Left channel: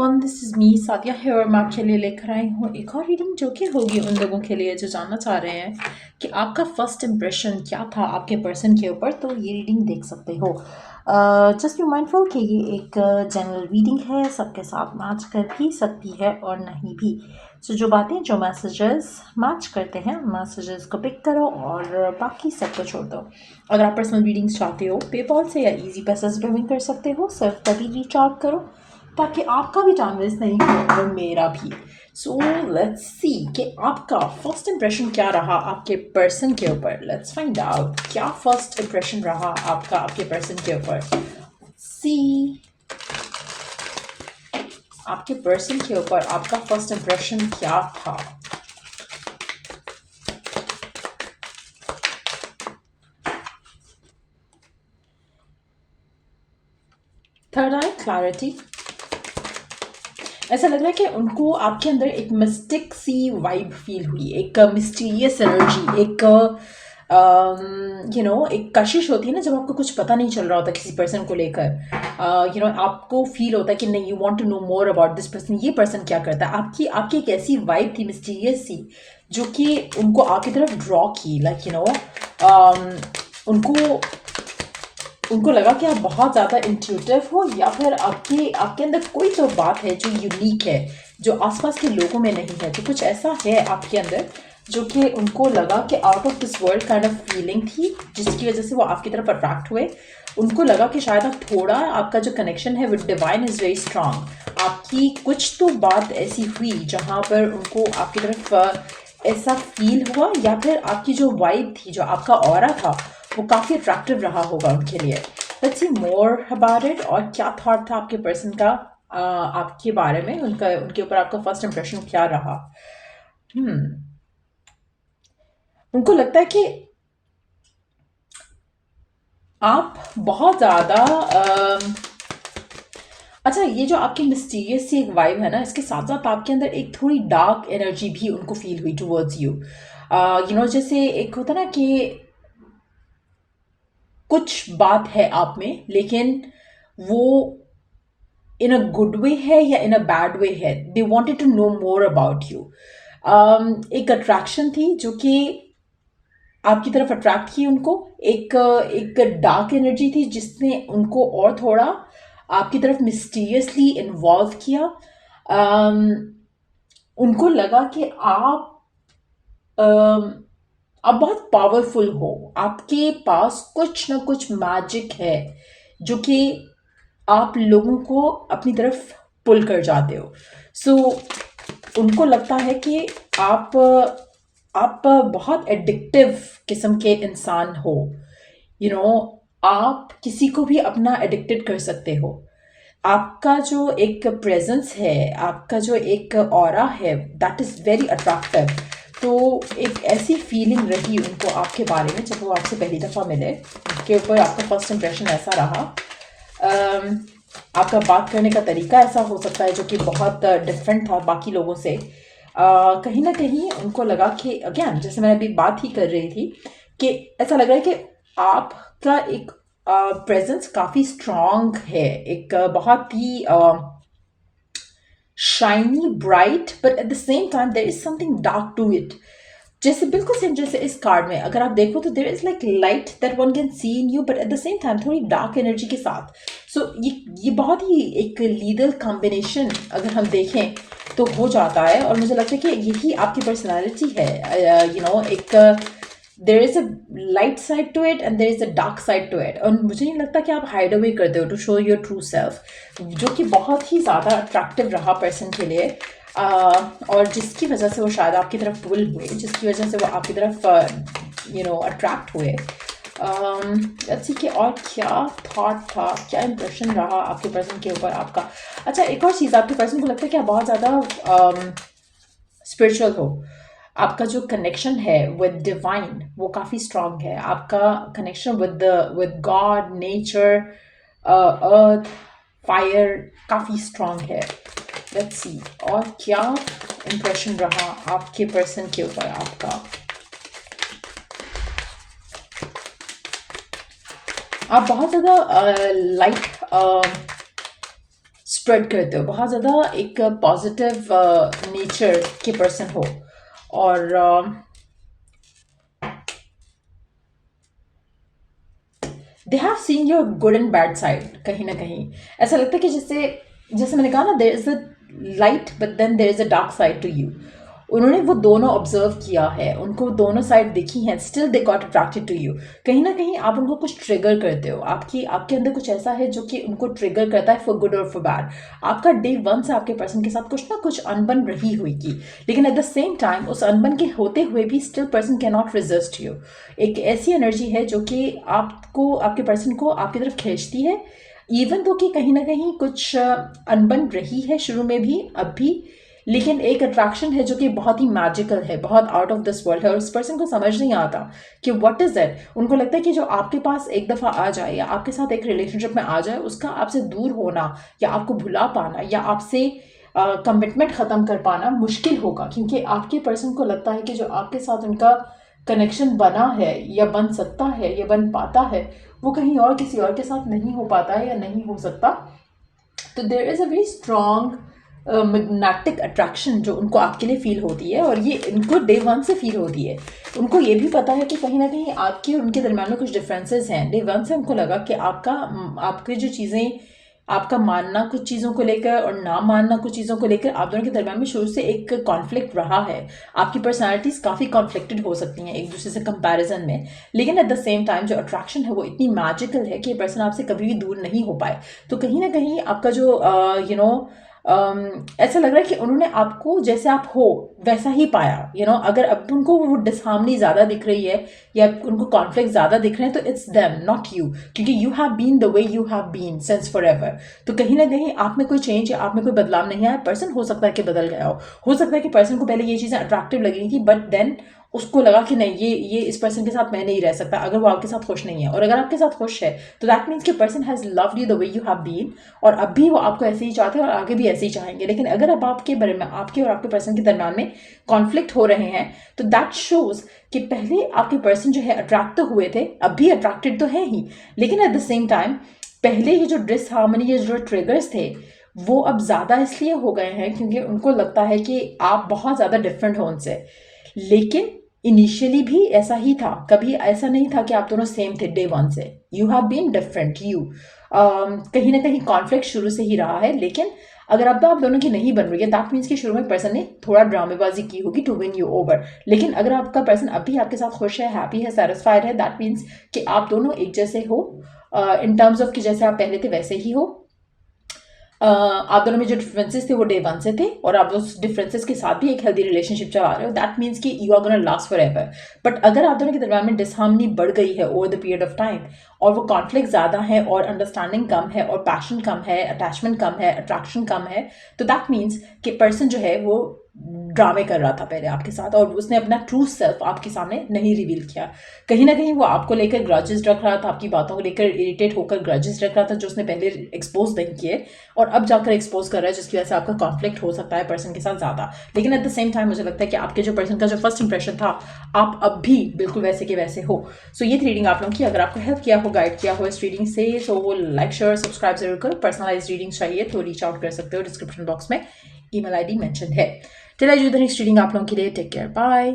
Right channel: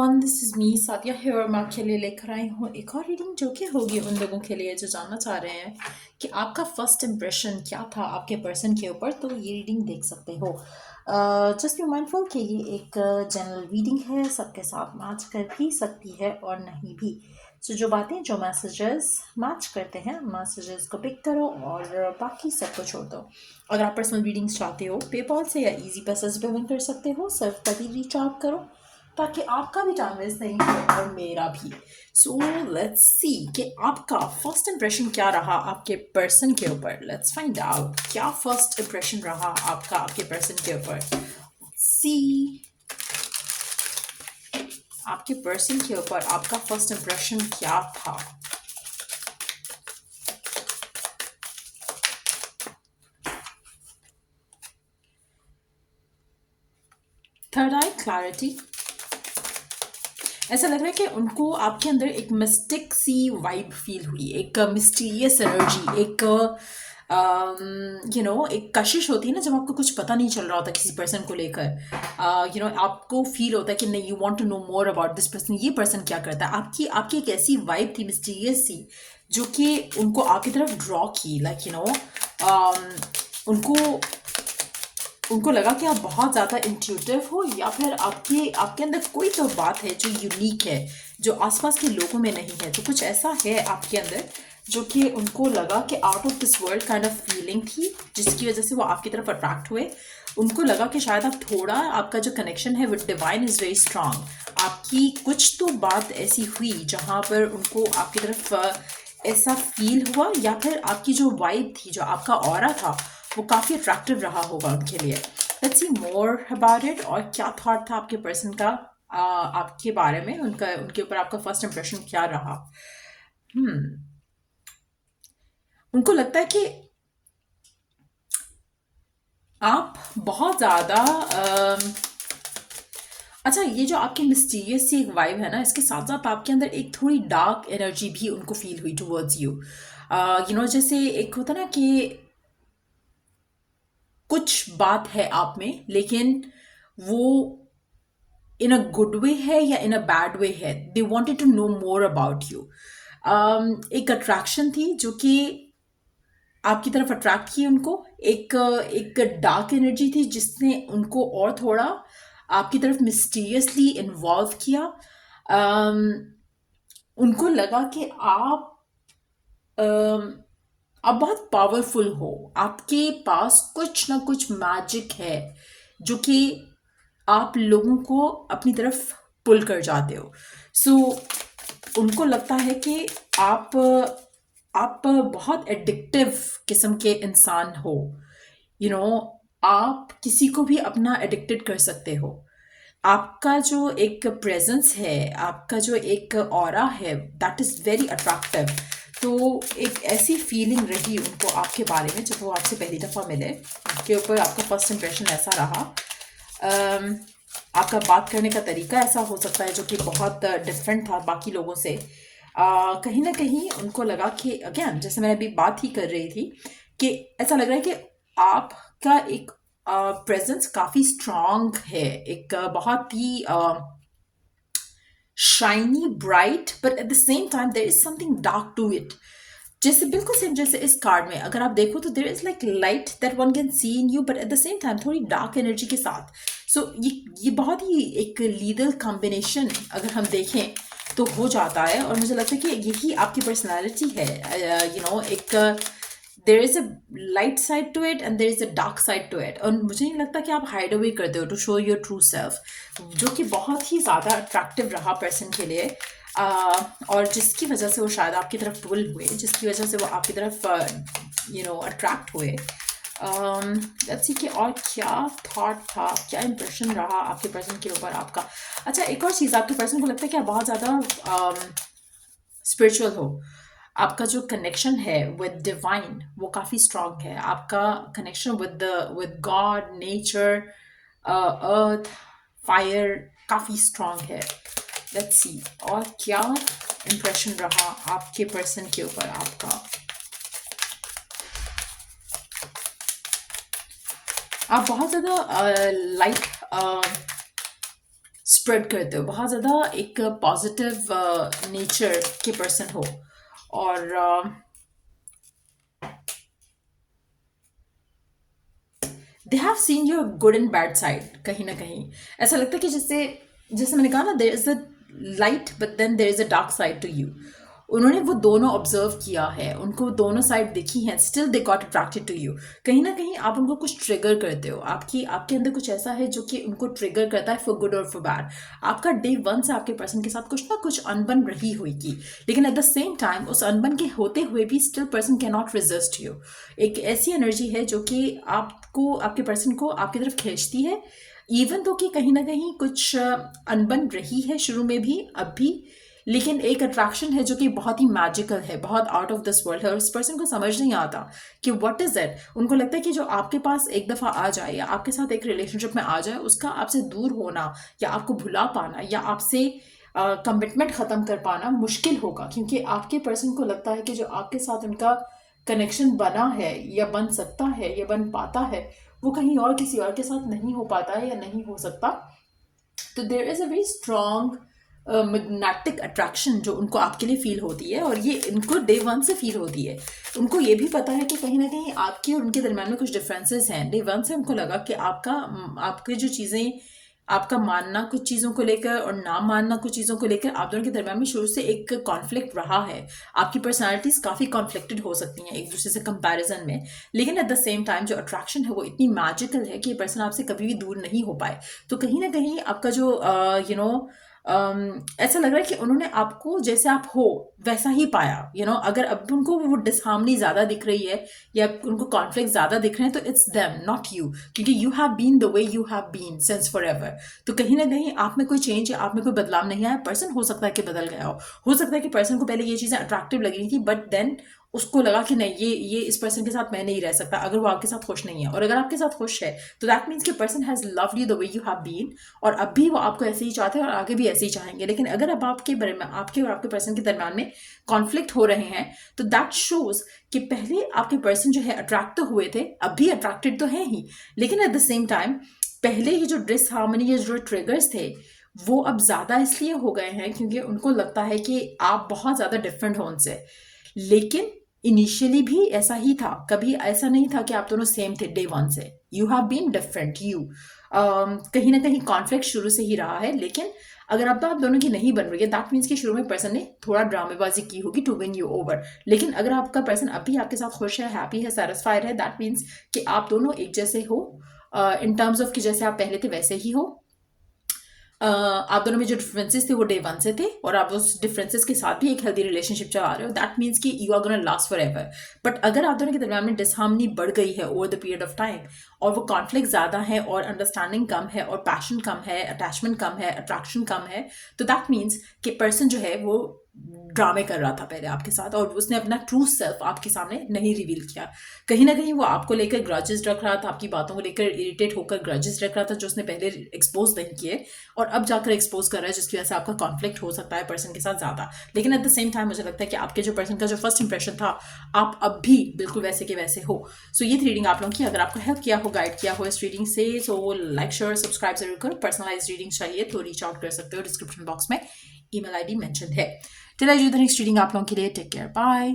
Everyone, this is me Sadia है और मैं आपके लिए लेकर आई हूँ एक और रीडिंग जो कि होगी उन लोगों के लिए जो जानना चाह रहे हैं कि आपका फर्स्ट इम्प्रेशन क्या था आपके पर्सन के ऊपर। तो ये रीडिंग देख सकते हो। जस्ट बी माइंडफुल कि ये एक जनरल रीडिंग है, सबके साथ मैच कर भी सकती है और नहीं भी। सो जो बातें जो मैसेजेस मैच करते हैं मैसेजेस को पिक करो और बाकी सबको छोड़ दो। अगर आप पर्सनल रीडिंग्स चाहते हो पेपॉल से या इजी पैसा से पेमेंट कर सकते हो, सिर्फ तभी रीच आउट करो ताकि आपका भी टाइम वेस्ट नहीं हो और मेरा भी। सो लेट्स सी कि आपका फर्स्ट इंप्रेशन क्या रहा आपके पर्सन के ऊपर। लेट्स फाइंड आउट क्या फर्स्ट इंप्रेशन रहा आपका आपके पर्सन के ऊपर। सी आपके पर्सन के ऊपर आपका फर्स्ट इंप्रेशन क्या था। थर्ड आई क्लैरिटी। ऐसा लग रहा है कि उनको आपके अंदर एक मिस्टिक सी वाइब फील हुई, एक मिस्टीरियस एनर्जी, एक एक कशिश होती है ना जब आपको कुछ पता नहीं चल रहा होता किसी पर्सन को लेकर। आपको फील होता है कि नहीं, you want to know more about this person, ये पर्सन क्या करता है। आपकी आपकी एक ऐसी वाइब थी मिस्टीरियस सी जो कि उनको आपकी तरफ ड्रॉ की। उनको उनको लगा कि आप बहुत ज़्यादा इंट्यूटिव हो या फिर आपके आपके अंदर कोई तो बात है जो यूनिक है, जो आसपास के लोगों में नहीं है। तो कुछ ऐसा है आपके अंदर जो कि उनको लगा कि out of this world kind of feeling थी, जिसकी वजह से वो आपकी तरफ अट्रैक्ट हुए। उनको लगा कि शायद आप थोड़ा, आपका जो कनेक्शन है with divine is very strong. आपकी कुछ तो बात ऐसी हुई जहाँ पर उनको आपकी तरफ ऐसा फील हुआ, या फिर आपकी जो वाइब थी, जो आपका ऑरा था, वो काफ़ी अट्रैक्टिव रहा होगा उनके लिए। Let's see more about it. और क्या थॉट था आपके पर्सन का आपके बारे में, उनके ऊपर आपका फर्स्ट इंप्रेशन क्या रहा। उनको लगता है कि आप बहुत ज़्यादा अच्छा, ये जो आपकी मिस्टीरियस सी एक वाइब है ना, इसके साथ साथ आपके अंदर एक थोड़ी डार्क एनर्जी भी उनको फील हुई टुवर्ड्स यू। जैसे एक होता ना कि कुछ बात है आप में, लेकिन वो इन अ गुड वे है या इन अ बैड वे है। They wanted to know more about you. एक अट्रैक्शन थी जो कि आपकी तरफ अट्रैक्ट की उनको। एक एक डार्क एनर्जी थी जिसने उनको और थोड़ा आपकी तरफ मिस्टीरियसली इन्वॉल्व किया। um, उनको लगा कि um, आप बहुत पावरफुल हो, आपके पास कुछ ना कुछ मैजिक है जो कि आप लोगों को अपनी तरफ पुल कर जाते हो। सो उनको लगता है कि आप आप बहुत एडिक्टिव किस्म के इंसान हो। आप किसी को भी अपना एडिक्टेड कर सकते हो। आपका जो एक प्रेजेंस है, आपका जो एक ऑरा है, दैट इज़ वेरी अट्रैक्टिव। तो एक ऐसी फीलिंग रही उनको आपके बारे में जब वो आपसे पहली दफ़ा मिले। उसके ऊपर आपका फर्स्ट इंप्रेशन ऐसा रहा। आपका बात करने का तरीका ऐसा हो सकता है जो कि बहुत डिफरेंट था बाकी लोगों से। कहीं ना कहीं उनको लगा कि अगेन, जैसे मैंने अभी बात ही कर रही थी, कि ऐसा लग रहा है कि आपका एक प्रेजेंस काफ़ी स्ट्रांग है, एक बहुत ही shiny bright, but at the same time there is something dark to it. जैसे बिल्कुल सेम जैसे इस कार्ड में अगर आप देखो तो there is like light that one can see in you, but at the same time थोड़ी डार्क एनर्जी के साथ। सो ये बहुत ही एक लीगल कॉम्बिनेशन अगर हम देखें तो हो जाता है। और मुझे लगता है कि यही आपकी पर्सनालिटी है। एक there is a light side to it and there is a dark side to it. और मुझे नहीं लगता कि आप हाइड अवे करते हो to show your true self, जो कि बहुत ही ज़्यादा अट्रैक्टिव रहा पर्सन के लिए। और जिसकी वजह से वो शायद आपकी तरफ पुल हुए, जिसकी वजह से वो आपकी तरफ अट्रैक्ट हुए। लेट्स सी कि और क्या थॉट था, क्या इंप्रेशन रहा आपके पर्सन के ऊपर आपका। अच्छा, एक और चीज़, आपके पर्सन को लगता है कि आप बहुत ज़्यादा स्पिरिचुअल हो। आपका जो कनेक्शन है विद डिवाइन वो काफ़ी स्ट्रांग है। आपका connection with God, nature, earth, fire काफ़ी स्ट्रांग है। लेट्स सी और क्या इंप्रेशन रहा आपके पर्सन के ऊपर आपका। आप बहुत ज़्यादा लाइट स्प्रेड करते हो, बहुत ज़्यादा एक पॉजिटिव नेचर के पर्सन हो। और they have seen your good and bad side. कहीं ना कहीं ऐसा लगता है कि जैसे जैसे मैंने कहा ना, there is a light but then there is a dark side to you. उन्होंने वो दोनों ऑब्जर्व किया है, उनको दोनों साइड दिखी हैं, still they got attracted to you. कहीं ना कहीं आप उनको कुछ ट्रिगर करते हो, आपकी आपके अंदर कुछ ऐसा है जो कि उनको ट्रिगर करता है, फॉर गुड और फॉर बैड। आपका डे वन से आपके पर्सन के साथ कुछ ना कुछ अनबन रही होगी, लेकिन एट द सेम टाइम उस अनबन के होते हुए भी still person can not resist you. एक ऐसी एनर्जी है जो कि आपको, आपके पर्सन को आपकी तरफ खींचती है, इवन तो कि कहीं ना कहीं कुछ अनबन रही है शुरू में भी, अब भी, लेकिन एक अट्रैक्शन है जो कि बहुत ही मैजिकल है, बहुत आउट ऑफ दिस वर्ल्ड है, और इस पर्सन को समझ नहीं आता कि व्हाट इज इट। उनको लगता है कि जो आपके पास एक दफ़ा आ जाए या आपके साथ एक रिलेशनशिप में आ जाए, उसका आपसे दूर होना या आपको भुला पाना या आपसे कमिटमेंट ख़त्म कर पाना मुश्किल होगा, क्योंकि आपके पर्सन को लगता है कि जो आपके साथ उनका कनेक्शन बना है या बन सकता है या बन पाता है, वो कहीं और किसी और के साथ नहीं हो पाता है या नहीं हो सकता। तो there is a very strong magnetic attraction जो उनको आपके लिए फील होती है, और ये इनको डे वन से फील होती है। उनको ये भी पता है कि कहीं ना कहीं आपके और उनके दरम्यान में कुछ डिफरेंसेस हैं। डे वन से उनको लगा कि आपकी जो चीज़ें, आपका मानना कुछ चीज़ों को लेकर और ना मानना कुछ चीज़ों को लेकर, आप दोनों के दरम्यान में शुरू से एक कॉन्फ्लिक्ट रहा है। आपकी पर्सनालिटीज काफ़ी कॉन्फ्लिक्टेड हो सकती हैं एक दूसरे से कंपैरिजन में, लेकिन एट द सेम टाइम जो अट्रैक्शन है वो इतनी मैजिकल है कि ये पर्सन आपसे कभी भी दूर नहीं हो पाए। तो कहीं ना कहीं आपका जो ऐसा लग रहा है कि उन्होंने आपको जैसे आप हो वैसा ही पाया। अगर अब उनको वो डिसहार्मनी ज़्यादा दिख रही है या उनको कॉन्फ्लिक्ट ज़्यादा दिख रहे हैं, तो इट्स देम नॉट यू, क्योंकि you have been the way you have been since forever. तो कहीं ना कहीं आप में कोई चेंज या आप में कोई बदलाव नहीं आया। पर्सन हो सकता है कि बदल गया हो सकता है कि पर्सन को पहले ये चीज़ें अट्रैक्टिव लगी थी, बट देन उसको लगा कि नहीं, ये इस पर्सन के साथ मैं नहीं रह सकता अगर वो आपके साथ खुश नहीं है। और अगर आपके साथ खुश है तो दैट मीन्स कि person has loved you the way you have been, और अब भी वो आपको ऐसे ही चाहते हैं और आगे भी ऐसे ही चाहेंगे। लेकिन अगर अब आपके बारे में, आपके और आपके पर्सन के दरम्यान में कॉन्फ्लिक्ट हो रहे हैं, तो दैट शोज कि पहले आपके पर्सन जो है अट्रैक्ट तो हुए थे, अब भी अट्रैक्टेड तो है ही, लेकिन एट द सेम टाइम पहले ये जो डिसहार्मनी या जो ट्रिगर्स थे वो अब ज़्यादा इसलिए हो गए हैं क्योंकि उनको लगता है कि आप बहुत ज़्यादा डिफरेंट हो उनसे। लेकिन इनिशियली भी ऐसा ही था, कभी ऐसा नहीं था कि आप दोनों सेम थे डे वन से। You have been different, you कहीं ना कहीं कॉन्फ्लिक्ट शुरू से ही रहा है। लेकिन अगर अब तो आप दोनों की नहीं बन रही है, दैट मीन्स कि शुरू में पर्सन ने थोड़ा ड्रामेबाजी की होगी टू विन यू ओवर। लेकिन अगर आपका पर्सन अभी आपके साथ खुश है, हैप्पी है, सेटिस्फाइड है, दैट मीन्स कि आप दोनों एक जैसे हो, इन टर्म्स ऑफ कि जैसे आप पहले थे वैसे ही हो। आप दोनों में जो डिफरेंसेस थे वो डे वन से थे, और आप उस डिफरेंसेस के साथ भी एक हेल्दी रिलेशनशिप चला रहे हो। दैट मीन्स कि you are gonna last forever. But अगर आप दोनों के दरम्यान में डिसहार्मनी बढ़ गई है over the period of time, और वो कॉन्फ्लिक्ट ज़्यादा है और अंडरस्टैंडिंग कम है और पैशन कम है, अटैचमेंट कम है, अट्रैक्शन कम है, तो दैट मीन्स कि पर्सन जो है वो ड्रामे कर रहा था पहले आपके साथ, और उसने अपना ट्रू सेल्फ आपके सामने नहीं रिवील किया। कहीं ना कहीं वो आपको लेकर ग्रजेस रख रहा था, आपकी बातों को लेकर इरिटेट होकर ग्रजेस रख रहा था जो उसने पहले एक्सपोज नहीं किए, और अब जाकर एक्सपोज कर रहा है, जिसकी वजह से आपका कॉन्फ्लिक्ट हो सकता है पर्सन के साथ ज़्यादा। लेकिन एट द सेम टाइम मुझे लगता है कि आपके जो पर्सन का जो फर्स्ट इंप्रेशन था, आप अब भी बिल्कुल वैसे के वैसे हो। सो ये रीडिंग आप लोगों की अगर आपको हेल्प किया हो, गाइड किया हो इस रीडिंग से, सो लाइक शेयर सब्सक्राइब जरूर करो। पर्सनलाइज रीडिंग चाहिए तो रीच आउट कर सकते हो, डिस्क्रिप्शन बॉक्स में ईमेल ID मेंशन है। चलिए जो नेक्स्ट रीडिंग आप लोगों के लिए, टेक केयर, बाय।